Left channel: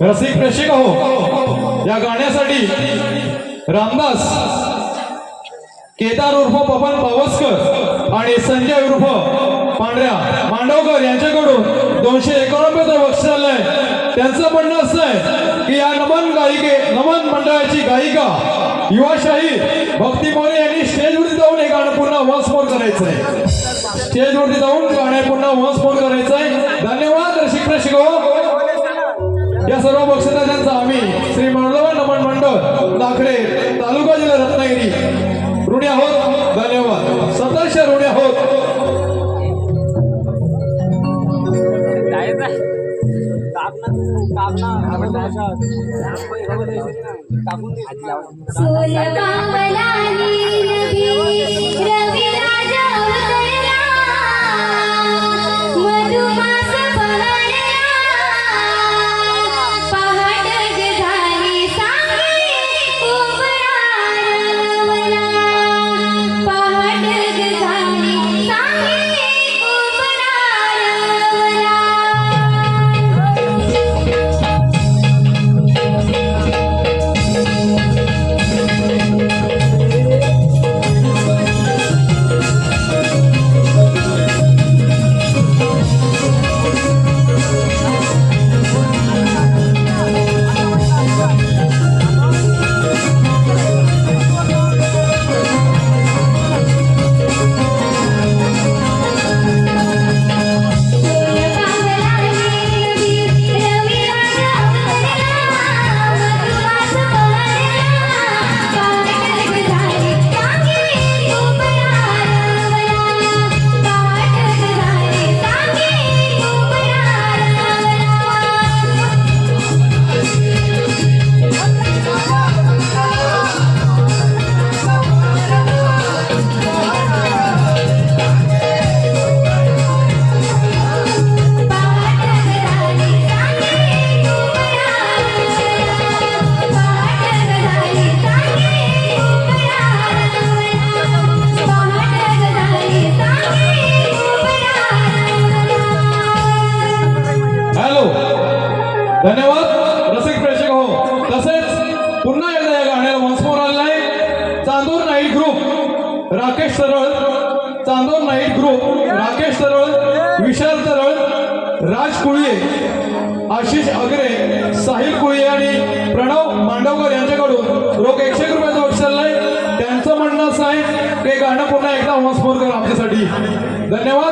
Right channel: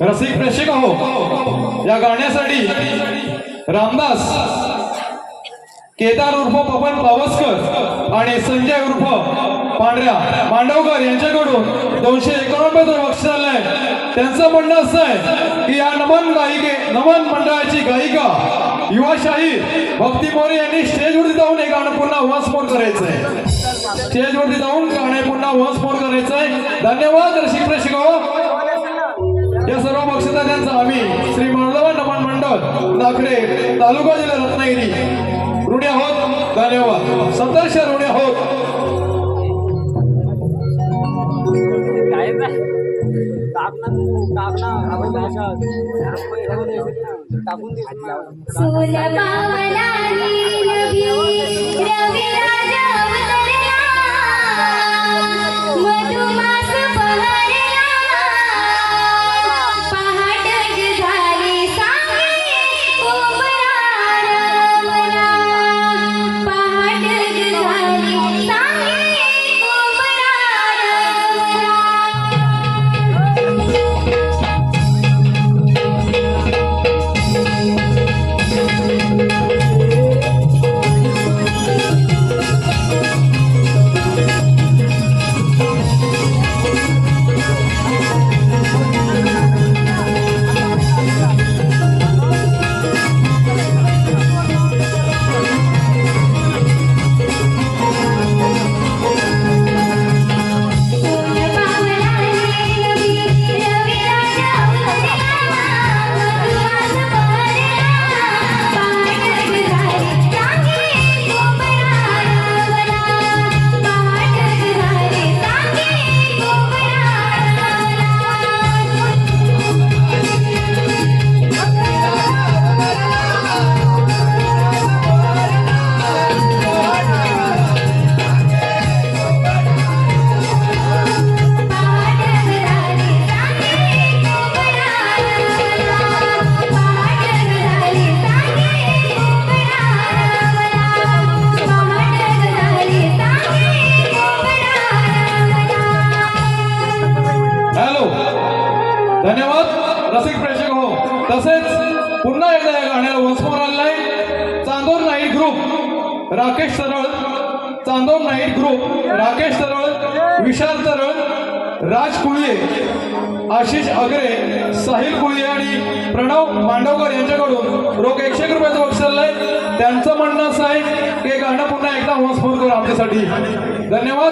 रसिक प्रेक्षक हो या गाण्यासाठी रामदास केदार उर्फ पवन पावसकर आणि संजय उर्फ पांढऱ्या मांडवकर यांच्याकडून दोनशे एकोणनव्वद बक्षीस आले आहे. त्यांचं म्हणणं असं आहे की या नमन गायिके नमन मंडळाची गायिका युवाशाही भक्ती मोरे यांनी स्टेजवरती जाऊन हे गाणं पुन्हा वॉन्स करायचं आहे स्टेजवरती काकून धन्यवाद. रसिक प्रेक्षक हो. तसेच पुन्हा एकदा या गाण्याला वसमोर आलेला आहे चांदोर नाईट ग्रुप राकेश सरळ. चांदोर नाईट ग्रुप राकेश सरळ विशाल सरळ राज कुळे आशिष आगरे साहिल कुळे आणि प्रणव मांडवकर यांच्याकडून लोक एकशे रुपयाचं बक्षिले त्यांचं म्हणणं असं आहे ते गाणं पुन्हा एकदा वसमोर कर आमच्यासाठी. धन्यवाद.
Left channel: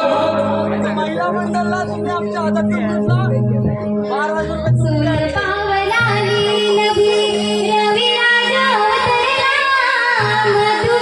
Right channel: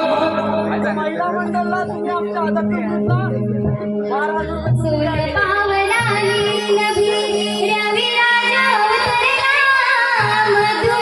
Hallelujah.